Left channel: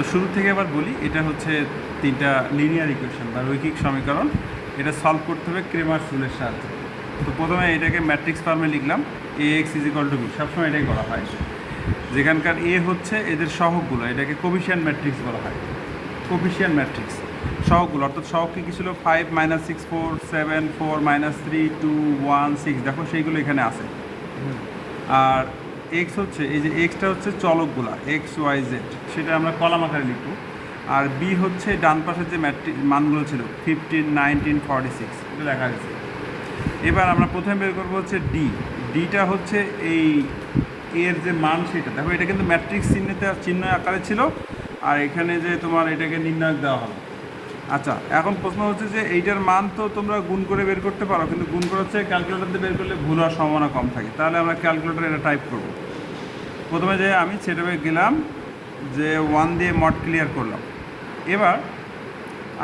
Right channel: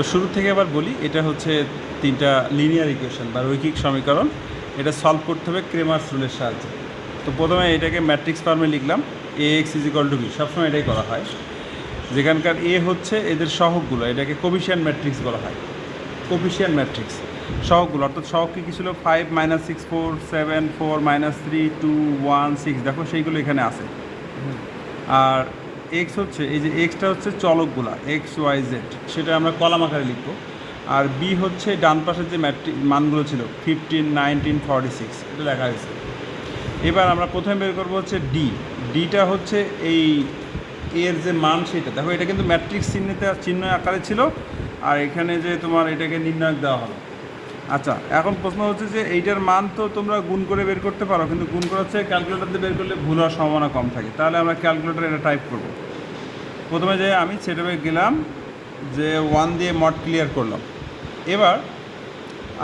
তো শুরু থেকে আবার বলি, এটা হচ্ছে তিনটা লিনিয়ার ইকুয়েশন বা রৈখিক সমীকরণ। এটা সলভ করতে হবে ক্রেমার্স রুলের সাহায্যে। তো প্রথমে এটাকে ম্যাট্রিক্স ফর্মে লিখলাম, A X is equal to B, সবসময় এটাই করা হয়। যেখানকার এ হচ্ছে এদের সহগগুলো, এটাকে কোফিশিয়েন্ট ম্যাট্রিক্স বলা হয়। কোফিশিয়েন্ট ম্যাট্রিক্স সহগগুলো, অর্থাৎ সহগ কী ছিল 5 - 6 4 7 4 - 3 2 1 6, দেখো সেইগুলো এখানে আছে। আর এক্স হচ্ছে এই যে এক্সটা হচ্ছে চলকগুলা এক্স ওয়াই জেড, সেটা আমরা কলাম আকারে লিখবো। আর বি হচ্ছে ডান পাশের যে মানগুলো ছিল 15 19 46, এটা লেখা গেছে। এবার আমরা প্রথমে বের করবো হচ্ছে ডিটা হচ্ছে এই এর যে মান সেটা, দেখো এটা কিন্তু ম্যাট্রিক্স চিহ্ন আকারে ছিল, আর এখানে যে তোমার এটাকে নির্ণায়ক দেওয়া হলো। আচ্ছা, এখন প্রশ্ন হচ্ছে যে এইটার মান তো তোমরা গুণ করে বের করতে পারো, কিন্তু গুণ করে হচ্ছে ক্যালকুলেটর দিয়ে বের করলে ভুল হওয়ার সম্ভাবনা কম থাকে। তাহলে আমরা ক্যালকুলেটরে এটা টাইপ করব। প্রথমে যে আমি সেটাবে গেলাম, যে 1 দিয়ে মড ক্লিয়ার করলাম। এবার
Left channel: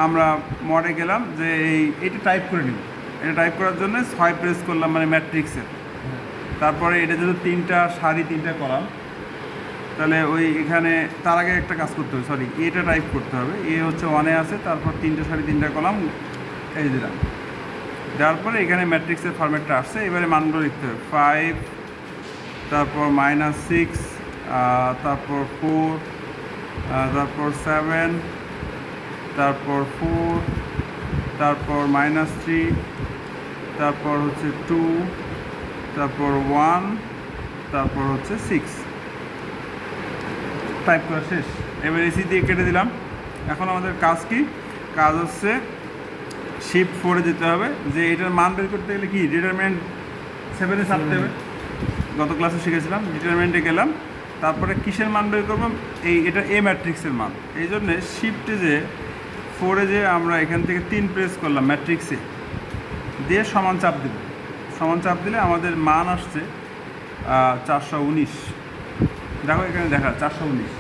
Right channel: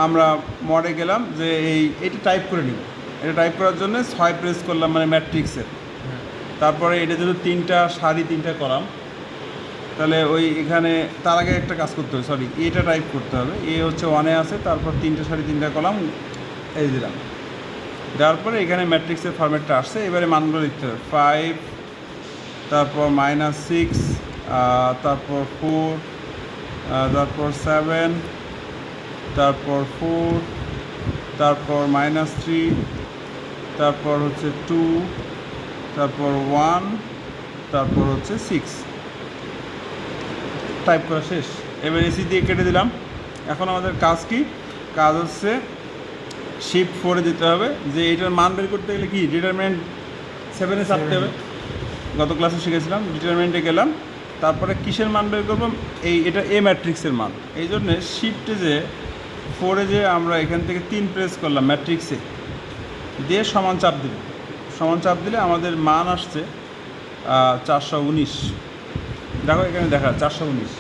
আমরা মডে গেলাম, যে এইটা টাইপ করে নিব। এটা টাইপ করার জন্য 6 প্রেস করলাম, মানে ম্যাট্রিক্সে। তারপরে এটা যেহেতু তিনটা কলাম, তাহলে ওই এখানে তার আগে একটা কাজ করতে হবে, সরি এটা টাইপ করতে হবে। এ হচ্ছে 1-এ আছে, তারপর 3 কলাম এই দিলাম। দেওয়ার পরে এখানে ম্যাট্রিক্সের ফরম্যাটটা আসছে। এবারে মানগুলো লিখতে হবে 5, তারপর -6, তারপর 4, তারপর 7, তারপর 4, তারপর -3, তারপর হচ্ছে 2, তারপর 1, তারপর হচ্ছে 6। টাইপ করা শেষ। এবার এসি দিয়ে কেটে দিলাম। এখন আমাদের কাজ কি? কাজ হচ্ছে শিফট 4-এ যেতে হবে, যে এটার মান বের করতে গেলে কি ডিটারমিনেন্ট 7-এ চাপতে হবে। গত ক্লাসে শিখেছিলাম। ডিটারমিনেন্টে গেলাম, তারপরে কিসের মান বের করবো? এটা এ ম্যাট্রিক্সের মান। এই জন্যে শিফটে যে 4-এ যে আমরা এখান থেকে 3 প্রেস করলাম ম্যাট্রিক্সে, দিয়ে সমান চাপ দিল। সমান চাপ দিলে আমাদের মান আসছে 419। দেখো এখানে দেখা 419।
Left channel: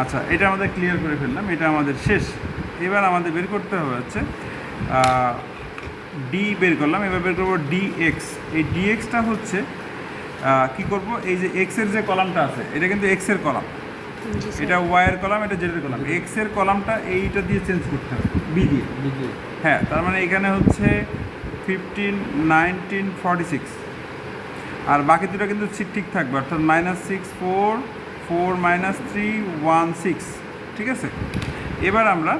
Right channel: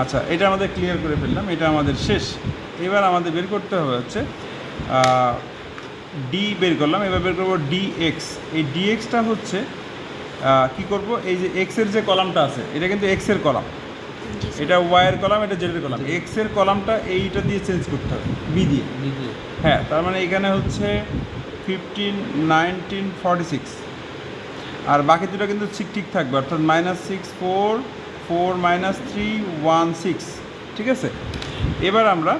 আচ্ছা, এটা আমাদের ক্লিয়ার করে ফেললাম, এটা আমাদের শেষ। এবার আমাদের বের করতে হবে হচ্ছে ডি বের করলাম। এবার বের করবো ডিএক্স। এই ডিএক্সটা হচ্ছে কি করব, এই যে এক্সের যে কলামটা আছে, এটা কিন্তু এক্সের কলাম, এটা ওয়াইয়ের কলাম, এটা জেডের কলাম। এক্সের কলামটা এইটা দিয়ে চেঞ্জ করতে হবে, বি দিয়ে। হ্যাঁ, তার মানে এখানে হচ্ছে 15 19 46, আর বাকি দুটো কিন্তু ঠিক থাকবে, অর্থাৎ -6 4 4 -3 1 6, ঠিক আছে। এবার আমরা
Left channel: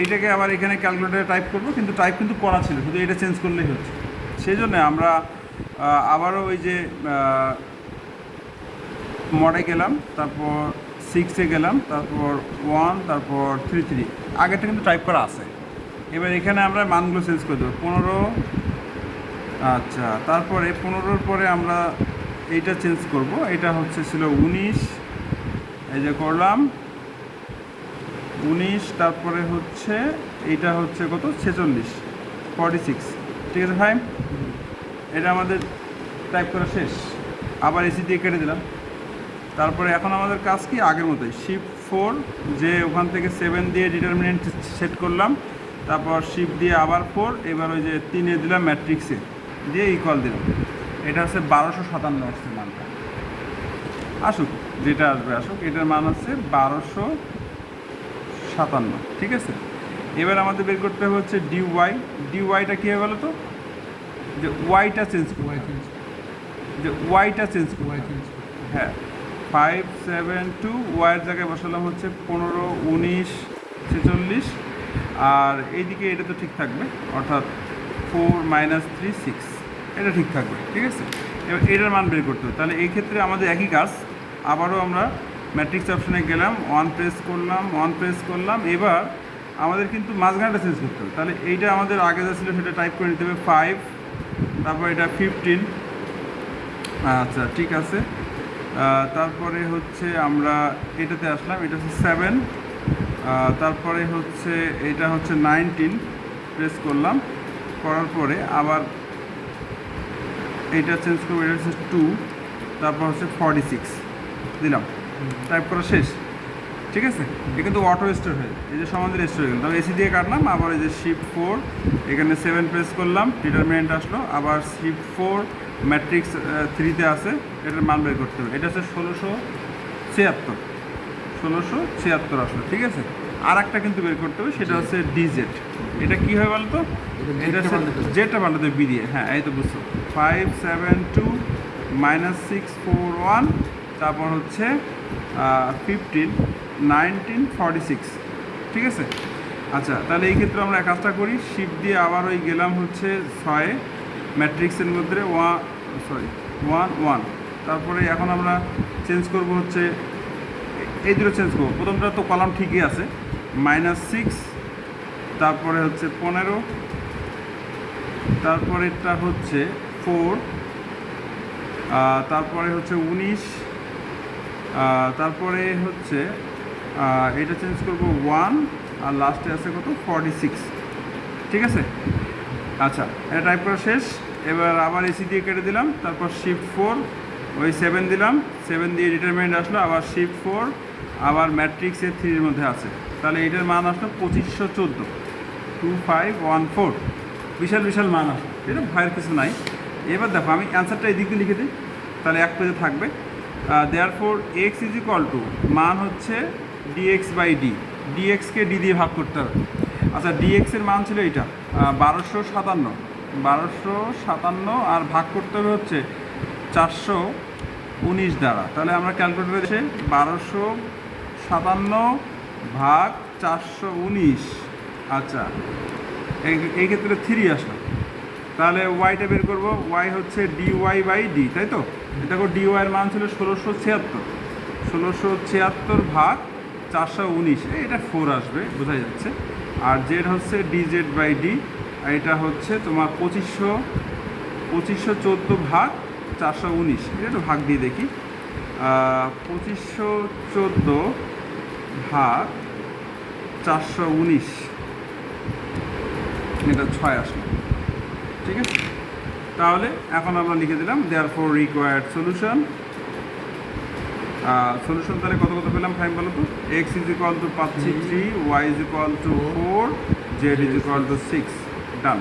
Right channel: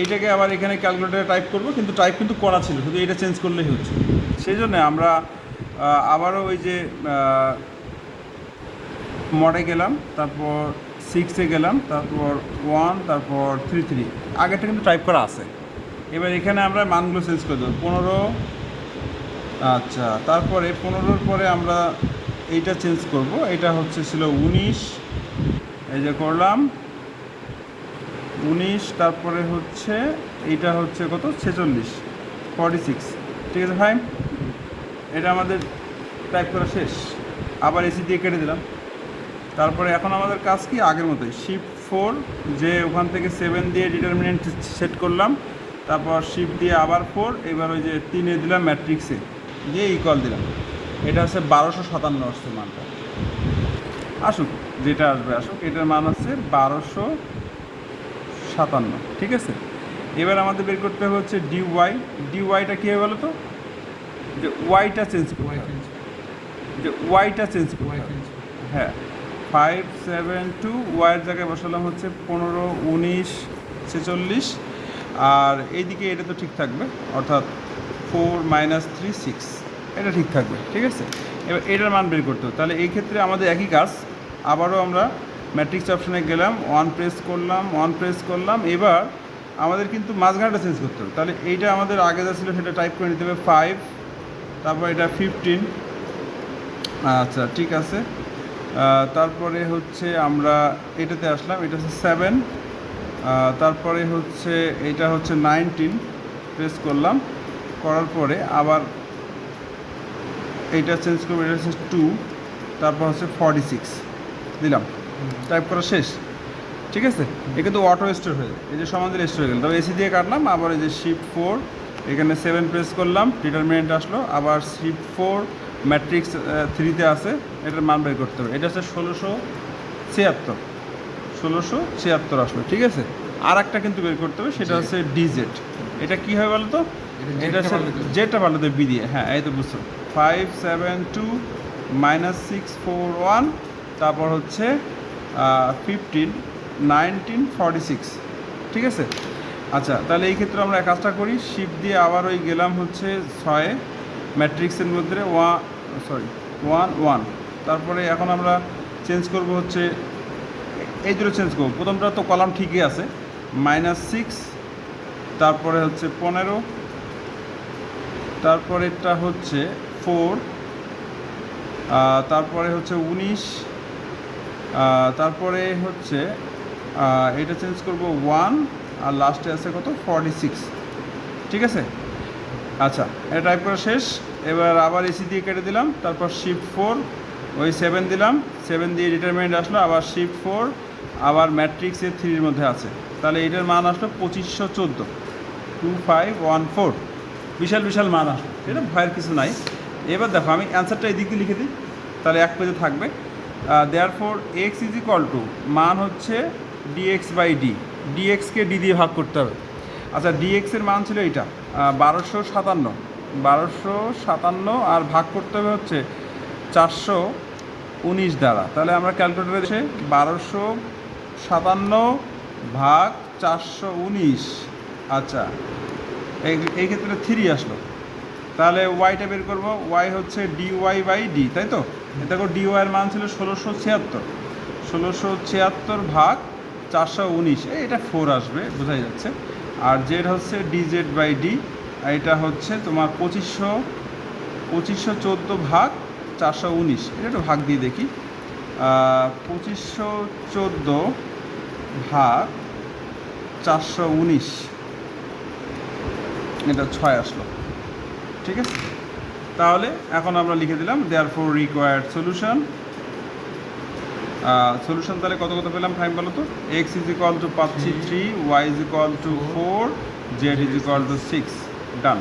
এইটাকে আবার এখানে ক্যালকুলেটারে টাইপ করব, কিন্তু টাইপ কিন্তু করা ছিল, শুধু এটা চেঞ্জ করলেই হচ্ছে। সেই জন্য আমরা আবারও ওই যে মডে গেলাম, তারপর 6-এ গেলাম, তারপর 1, তারপর 3 আগেটা কিন্তু টাইপ করা আছে। এবার এখানে আমরা মানগুলো চেঞ্জ করে দেবো। 15, আচ্ছা, তারপরে 15-র পরে আমরা এইটা চেঞ্জ করব। এটা হচ্ছে ছিল 19, এই যে করলাম 19, তারপরে হচ্ছে এইটা হচ্ছে কত 46 46, ঠিক আছে ভাই। এটা আমাদের টাইপ করা শেষ। আবার এসি দিয়ে কেটে দিলাম। তারপরে এখন আমাদের কাজ কি? আগের মতোই শিফট 4, যে ওখান থেকে 7 দিয়ে ডিটারমিনেন্ট সেট করলাম, তারপর শিফট দিয়ে আবার 4, এবার ওই যে 3-এ দিলাম ম্যাট্রিক্সে, দিয়ে ইকুয়াল দিলাম। এটা হচ্ছে 1257 আসছে মানটা। আসুক, যেটা আসবে আসুক, এটার মান হচ্ছে 1257, ঠিক আছে। এবার আমাদের বের করতে হবে হচ্ছে ডিওয়াইটা কী হবে বলো তো? যে ওয়াইটা চেঞ্জ করতে হবে, যে ওয়াইটা চেঞ্জ করতে হবে। হ্যাঁ, 5 7 2, ওয়াইয়ের জায়গায় বসালাম হচ্ছে 15 19 46, আর এইদিকে এটা তো ঠিক থাকবে, অর্থাৎ 4 -3 6, এটা ঠিক থাকবে, ঠিক আছে। এবার এটার মান বের করতে হবে। তাহলে এই ক্ষেত্রে আমাদের একই কাজ, আবারও আমরা ম্যাট্রিক্স অপশানে গেলাম, 1 প্রেস করলাম। এবার আমাদের কিন্তু মাঝখানটা চেঞ্জ করতে হবে। তাহলে এইটা আমাদের আগে যা ছিল সেটা টাইপ করে নিতে হবে 5, তারপর এটা 15, আচ্ছা ঠিক আছে। তারপরে হচ্ছে আমরা এটাতে আসলাম, এটা হচ্ছে 7, তারপরে হচ্ছে এটা হচ্ছে 19 প্রেস করলাম। করার পরে আবার এইটা চেঞ্জ করবো, এটা হচ্ছে 2, তারপর হচ্ছে 46 দিলাম। টাইপ করা শেষ, ঠিক আছে। এ কিন্তু অটো স্টোর হয়ে, এই যে সমান্তরাল স্টোর হয়ে গেল। তবে এসি দিয়ে কাটলাম, আবার এই যে শিফট 4, এখানে 7 প্রেস করলাম, ডিটারমিনেন্ট আসলো, আবার শিফট 4, ম্যাট্রিক্স 3-তে আছে, এটার মান বের করতে হবে। এটা হচ্ছে 1676 1676 আসলো, ঠিক আছে। আর একটা কিন্তু বের করতে হবে, সেটা হচ্ছে ডিজেড। এটা কী হয় বলতো, এটা হচ্ছে যেটা ভালো দেবে বি দিয়ে, হ্যাঁ এই তো বুঝছো, 572 -641, তারপর হচ্ছে 15 1946, ঠিক আছে। আচ্ছা, তাহলে এই ক্ষেত্রে আমরা কাজটা করি, শিফট দিয়ে আবার ওই গেলাম হচ্ছে 6 ম্যাট্রিক্সের মধ্যে 1, তারপরে এখন আমরা চেঞ্জ করব হচ্ছে এই দুটো চেঞ্জ করবো। প্রথমটা তো কলাম ঠিকই আছে, -6, তারপরে হচ্ছে 15, তারপরেরটা হচ্ছে 4, তারপরে হচ্ছে 19, তারপরে হচ্ছে এটা চেঞ্জ করব 1, আর লাস্টে আছে কত 46, ঠিক আছে। আচ্ছা, এটা টাইপ করা শেষ। এবার আবার এসি দিয়ে কেটে দিলাম, তারপর শিফট 4, ওই 7 দিলাম, 7 দিয়ে ডিটারমিনেন্ট আসলো, আবার শিফট 4, আবার ম্যাট্রিক্সে 3-এর মধ্যে আছে, তাহলে এটার মান আসলো 2514, 2514, বিশাল বিশাল মান আসলো, এটা ভয়ের কিছু নাই। এবার দেখো আমি অ্যান্সারটা এই দিক দিয়ে লিখে দিই, তাহলে এক পেজে থাকবে। Therefore x is equal two, মান হচ্ছে ডিএক্স বাই ডি, ডিএক্সকে ডি দিয়ে ভাগ করতে হবে। আচ্ছা, ডিএক্সের মান ছিল এইটা 1257, আর ভাগ করতে হবে হচ্ছে 419 দ্বারা। তাহলে আমরা ক্যালকুলেটরে হচ্ছে 1257 ভাগ 419। আচ্ছা, এই ক্ষেত্রে 3 আসলো, তাহলে ওয়াইটা বের করবো। ওয়াই হচ্ছে ডিওয়াই বাই ডি, তাই তো। দেখো ডিওয়াইয়ের মান ছিল 1676 ভাগ 419, এটা 4 আসবে, বোঝাই যাচ্ছে। আর জেড হচ্ছে ডিজেড বাই ডি, এটা হচ্ছে তোমার 2514 ভাগ 419, এটা একটু ভাগ দিয়ে দেখি। 2514 ভাগ 419, এটা 6 আসলো, ঠিক আছে। তাহলে এখন আমরা লিখে দিলাম দেয়ারফর রিকোয়ার্ড সলিউশন। তাহলে কত পেলাম ফাইভ বলো তো। এক্স ইজ ইকুয়াল টু পাচ্ছি 3, Y is equal to 4, Z is equal to 6, done.